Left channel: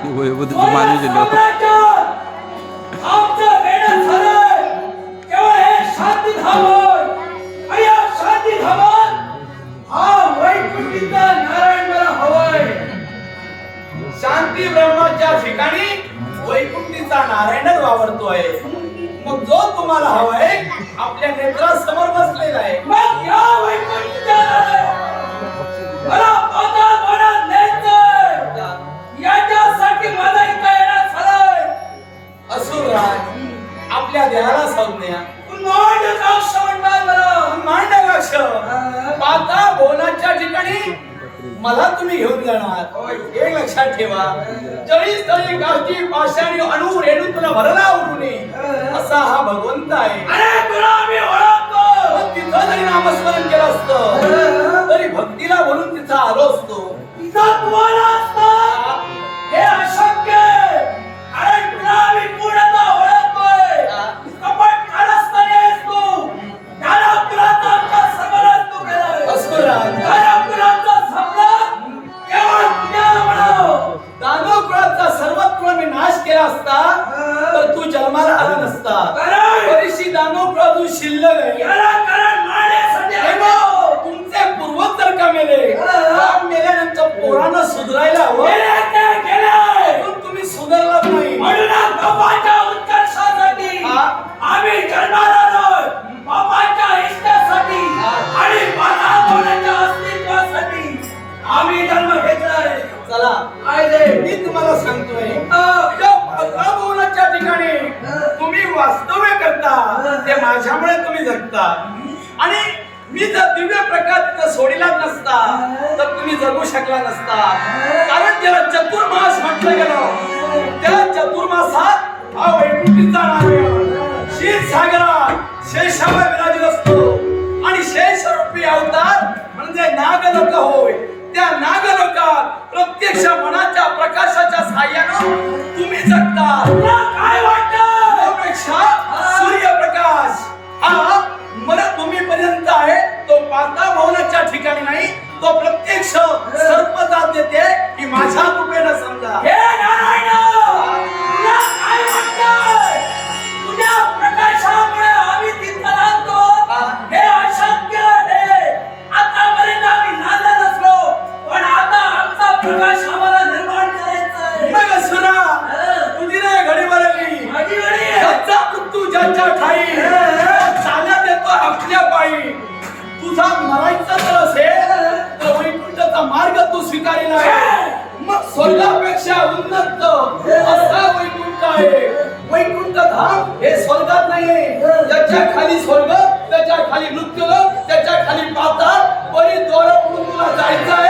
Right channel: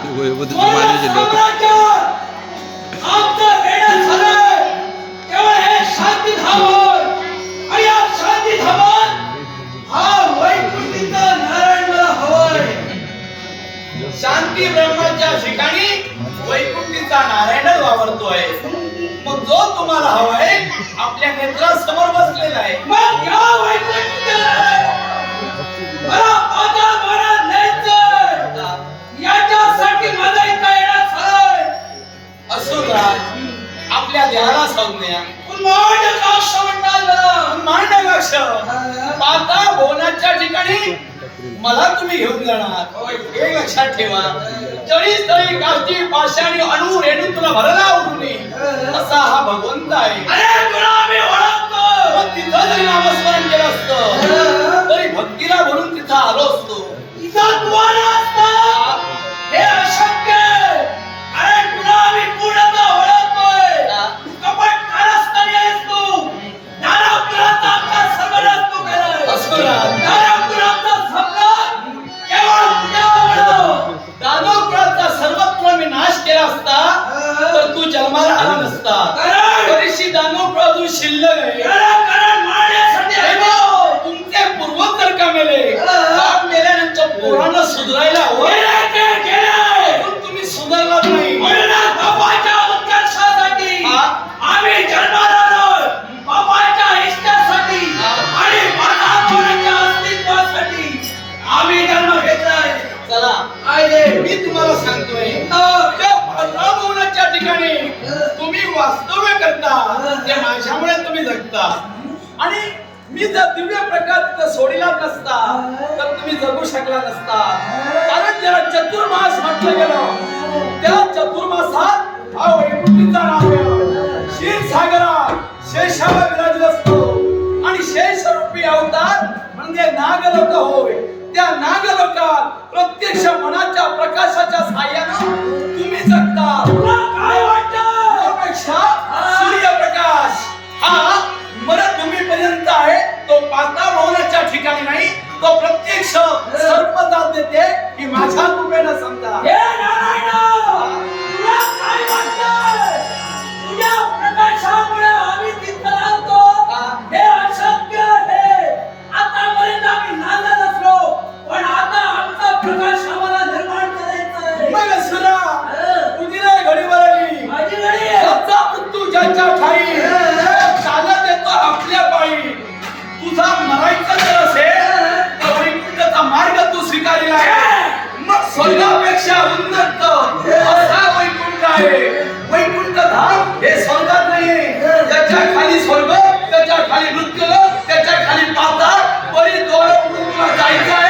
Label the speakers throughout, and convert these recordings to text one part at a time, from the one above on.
Speaker 1: हे हा हवंय.
Speaker 2: शांती ब्रह्माच्या ठिकाणी वैकुंठीचा नारायणच वावरतोय. मग जो तुम्हाला हवाय आपल्या नेत्रासमोर बसलेला आहे. असुरराज आपल्या देहाला संज्ञा.
Speaker 1: उन्माद काक्ष म्हणतात मला.
Speaker 2: मांडवक्ष. पाता भुवनाच्या ठिकाणी मला तुम्ही घेऊन जाणार. हे लक्षात ठेवा. जळी स्थळी काष्टी पाषाणी अणू रेणू तुला भरला उडूने असा हा भगवंत आहे.
Speaker 1: अरे तुला आम्ही ओळखतो.
Speaker 2: मग तिथं जरी नामस्मरण केलं असतं तरी भक्तीला म्हणून तिथं आलो असतो.
Speaker 1: इथं तू
Speaker 2: शिल्लक आहे. तुमचे पूर्वज जर का मेले बाप मेल्यानंतर पोरांना सुधारायला हवं. तुम्ही सुधारलाच माझ्यामुळे तुम्ही जगता. आणि मी जर दिव्य प्रकार तिथं सोडिलाच नसता तर तुम्ही जगू शकला नसता. कारण ज्याला चतुर्मास म्हटलं गेलं त्या चतुर्मासात हा वैकुंठीचा नारायण क्षीरसागरात शेषावर विराजित असतो. आणि शेष रूपी अवतार म्हणजे नागलोक होय. त्या नागलोकात प्रत्यक्ष मना प्रत्यक्ष सर्पजात देते की माझ्या कृपेनं समजा.
Speaker 1: हे नारायण तुला काय वाटतं तुझ्या प्रकाशामुळे आम्ही तिथं राहतो.
Speaker 2: हा.
Speaker 1: हे अशक्य आहे. आतापर्यंत आम्ही नांदत असलो पण आता आमचा प्रकाश आम्हाला निर्माण करायचा आहे.
Speaker 2: मग असुरा तुझी रे घडीवर आली
Speaker 1: माझी वेळी आहे.
Speaker 2: त्याचा मृत्यू ज्याच्या ठाई चालत येतो आपल्या पायी. तुझा मरायचा स्वीकारला आहे. मग स्वर्गापेक्षा उन्नत असा वैकुंठ आहे. वैकुंठ धाम हे स्वर्गात नाहीये. त्याच्याखाली स्वर्ग त्याच्याखाली मृत्यू त्याच्याखाली पाताळ परी दोर उडून तुला जायचं आहे.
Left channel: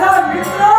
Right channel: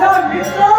Speaker 2: 사람
Speaker 1: 믿어?